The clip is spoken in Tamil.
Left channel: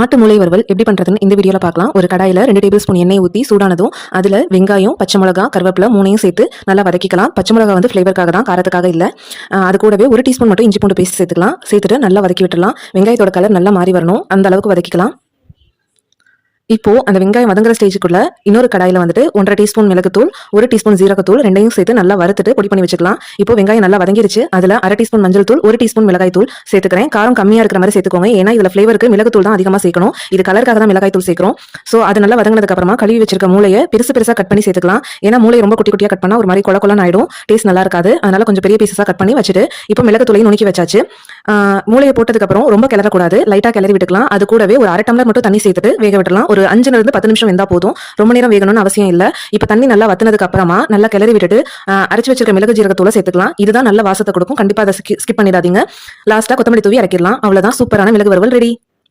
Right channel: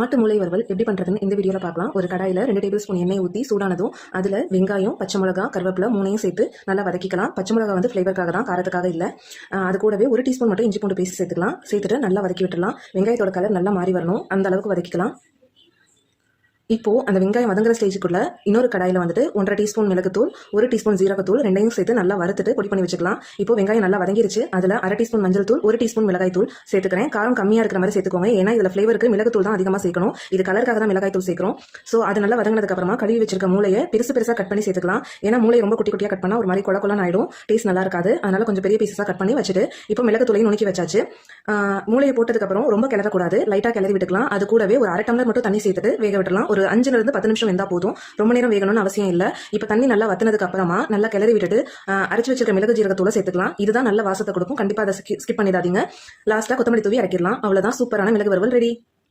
ஆட்டு மூளை வறுவல் எப்படி பண்ணுறதுன்னு இந்த வீடியோவில் பார்க்கலாம். ஒரு கடாயில் 2 டேபிள் ஸ்பூன் எண்ணெய் ஊற்றி சூடானதும் அதில் வெங்காயம், பச்சை மிளகா, கருவேப்பிலை 3யும் சேர்த்து நல்லா வதக்கிக்கலாம். பச்சை மிளகா வந்து ஃப்ளேவருக்காக தான், காரத்துக்காக இல்லை. அது கூடவே 1 டீஸ்பூன் மட்டும் இஞ்சி பூண்டு பேஸ்ட் சேர்த்துக்கலாம். சேர்த்துட்டு நல்லா வதக்கி விட்டுடலாம். வெங்காயத்தோட கலர் நல்லா மாறி வரணும், அந்த அளவுக்கு வதக்கிக்கலாம். இப்போ அந்த வெங்காயம் வதங்குற ஸ்டேஜுக்குள்ள இன்னொரு கடாயில வந்துட்டு 1.5 டீஸ்பூன் மிளகுத்தூள், 1 டீஸ்பூன் ஜீரகத்தூள் ரெண்டையும் சேர்த்து நல்லா வறுத்துட்டு பொடி பண்ணி வச்சுக்கலாம். இப்போ வெங்காயம் நல்லா வதங்கிருச்சு. அதுல 1/2 டீஸ்பூன் மஞ்சள் தூள், 1 டீஸ்பூன் மிளகாய் தூள் சேர்த்துக்கிறேன். காரம் கம்மியா இருக்கிற மாதிரி சேர்த்துக்கோங்க. ஏன்னா இதுல ஃபிளேவருக்கு மிளகுத்தூள் தான் அதிகமா சேர்க்கணும். இது கலருக்காக தான் மிளகாய் தூள் சேர்க்கிறோம். சோ அது நல்லா வதங்கினதுக்கு அப்புறமா கழுவி வச்சிருக்க மூளையை பெருசு பெருசா கட் பண்ணி சேர்த்துக்கலாம். ஏன்னா மூளை ரொம்ப குட்டி குட்டியா கட் பண்ணா ஒரு மாதிரி கொலன்னு ஆயிடும், டேஸ்ட் நல்லா இருக்காது. அதனால கொஞ்சம் பெரிய பீசஸா கட் பண்ணி வச்சுட்டு இப்போ மிளகுத்தூளையும் நுணுக்கி வச்சாச்சு. மூளையை போட்டதுக்கு அப்புறம் ரொம்ப கிளறக்கூடாது, லைட்டா கிளறி விட்டுக்கலாம். அது கூடவே ஒரு 1/2 டம்ளர் மட்டும் தண்ணி சேர்த்துட்டு வேக விடலாம். ஒரு 5 இருந்து 10 நிமிஷம் வெந்தா போதும், ரொம்ப நேரம் வேகணும்னு அவசியம் இல்ல. இப்ப தண்ணி நல்லா வத்தினதுக்கு அப்புறமா நல்லா கிளறி விட்டுட்டு அரைச்சு வச்சிருக்க மிளகு ஜீரகத்தூளை சேர்த்துக்கலாம். இதுதான் நல்ல வாசத்தை கொடுக்கும். கண்டிப்பா அதை ஸ்கிப் பண்ணிடாதீங்க. லாஸ்டா கொத்தமல்லி தூவி இறக்கிடலாம். அவ்வளவுதான், சூப்பரான மிளகு வறுவல் ரெடி.